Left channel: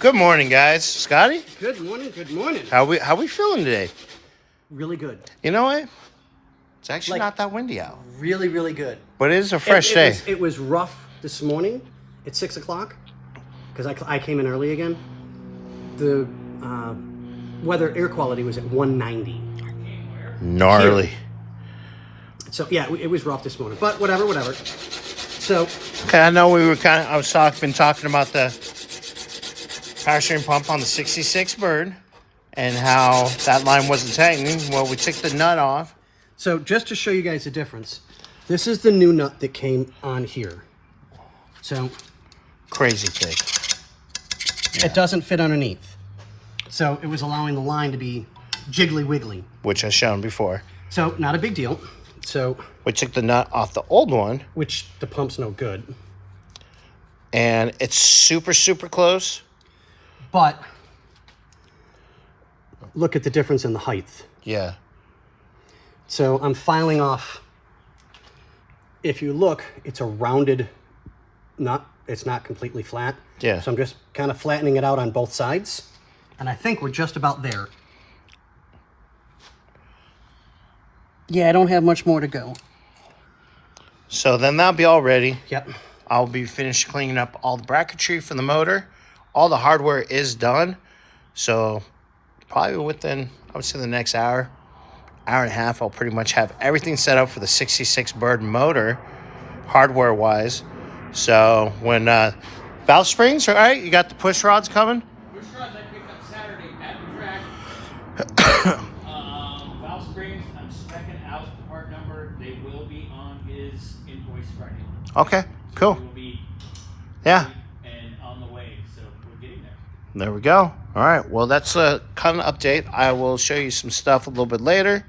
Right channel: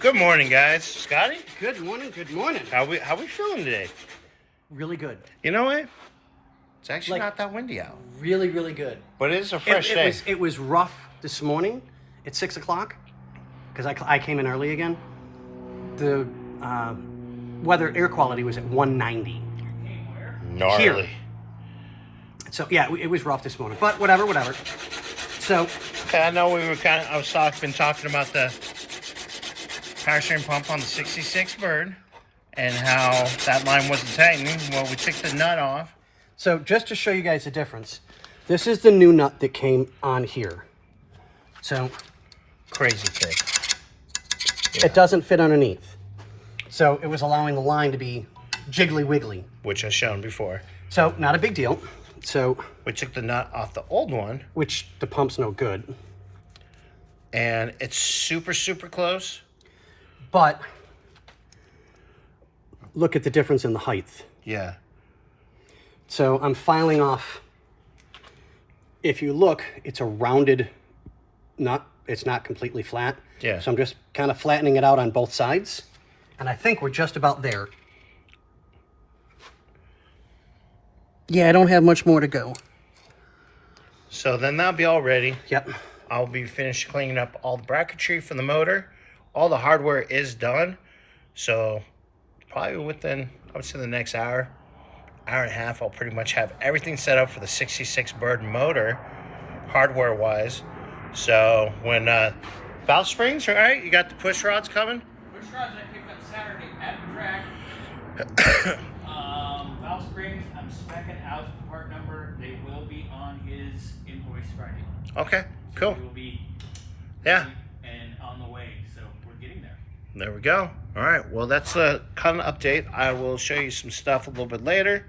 Good morning, guys. Scotty? Good morning, good morning. How we feeling today? Really good. You know what? It's actually not that windy out. Really, really good. But it is a fresh day. It was rough this morning at 6 o'clock because I came in early again. The weather air quality was at 190. Gnarly. Here. So yeah, it was rough this morning, but whatever. So Okay, I know been talking about the power steering pump on the 66 Bird and how that line wasn't tightening. Well, we took the nut off. So just to show you guys the difference, this is the new nut that came on here. So Crazy thick. it doesn't fit underneath. So it was allowing the line to be jiggly wiggly. Which I've shown before. So not a big deal. So We took the nut off the old one. which the pump's no good. And it's super, super close. But look at the difference in the height. Yeah. So I'm filing off. If you look, it's a rounded nut. It's not completely flat. Yeah. So I'm just kind of flattening it out on both sides. And I think we're just about there. Yeah, I don't have much more to go. So then that'll be all ready. Yep. I'll be finished cleaning up all the bracketry for the motor. All the hardware is done. So probably within, I would say the next hour and a half, I'll pretty much have everything set up for the 66 Bird motor, hardware-wise. So when valve springs, all right, you got the push rods coming? Push rods I picked up Saturday at the track. Valve springs, I'm specking out the part number. They will be on his invoice Friday. Okay, cool. They will be Yeah, and on the way, so we're getting there. there we go. All right, well, that's a kind of update. I will show you some stuff a little bit later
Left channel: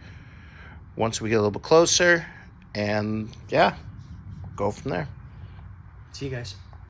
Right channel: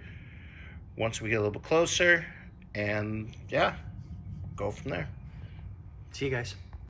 once we get a little bit closer. And yeah, go from there. See you guys.